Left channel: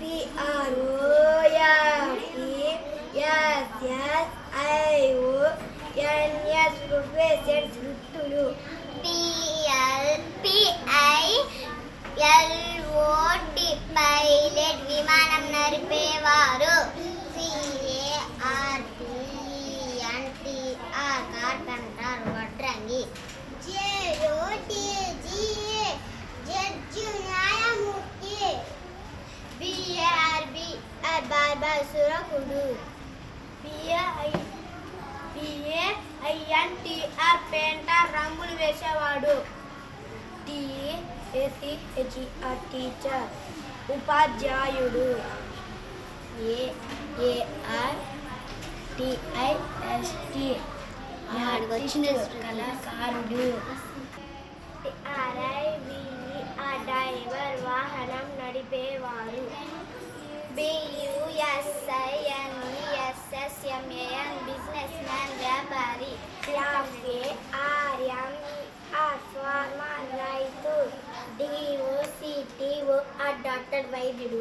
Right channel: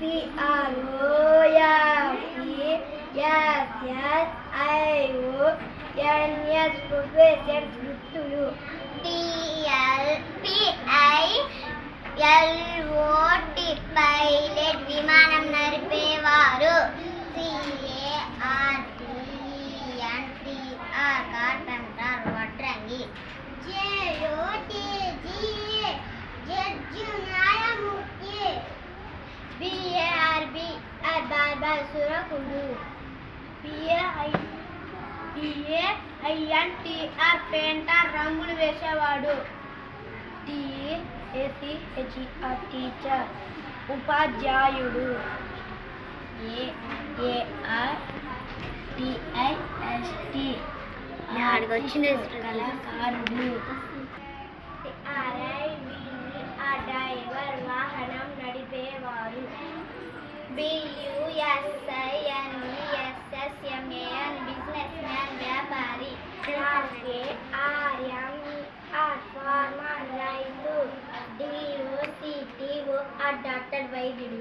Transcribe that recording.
PROFESSIONS professors వృత్తులు. PILOT pilot విమానం నడిపేవారు. CARPENTER carpenter వడ్రంగి. JOTG జడ్జి న్యాయమూర్తి. BARBR సురకుడు. PAINTR పెయింటర్ రంగులు వేసేవాడు. TACHER టీచర్ ఉపాధ్యాయుడు. AARTIST కళాకారుడు. డ్రైవర్ వాహనం నడిపేవారు. BUSINESSMAN బిజినెస్ మ్యాన్ వ్యాపారి. FARMER ఫార్మర్ రైతు. DOCTOR డాక్టర్ వైద్యుడు.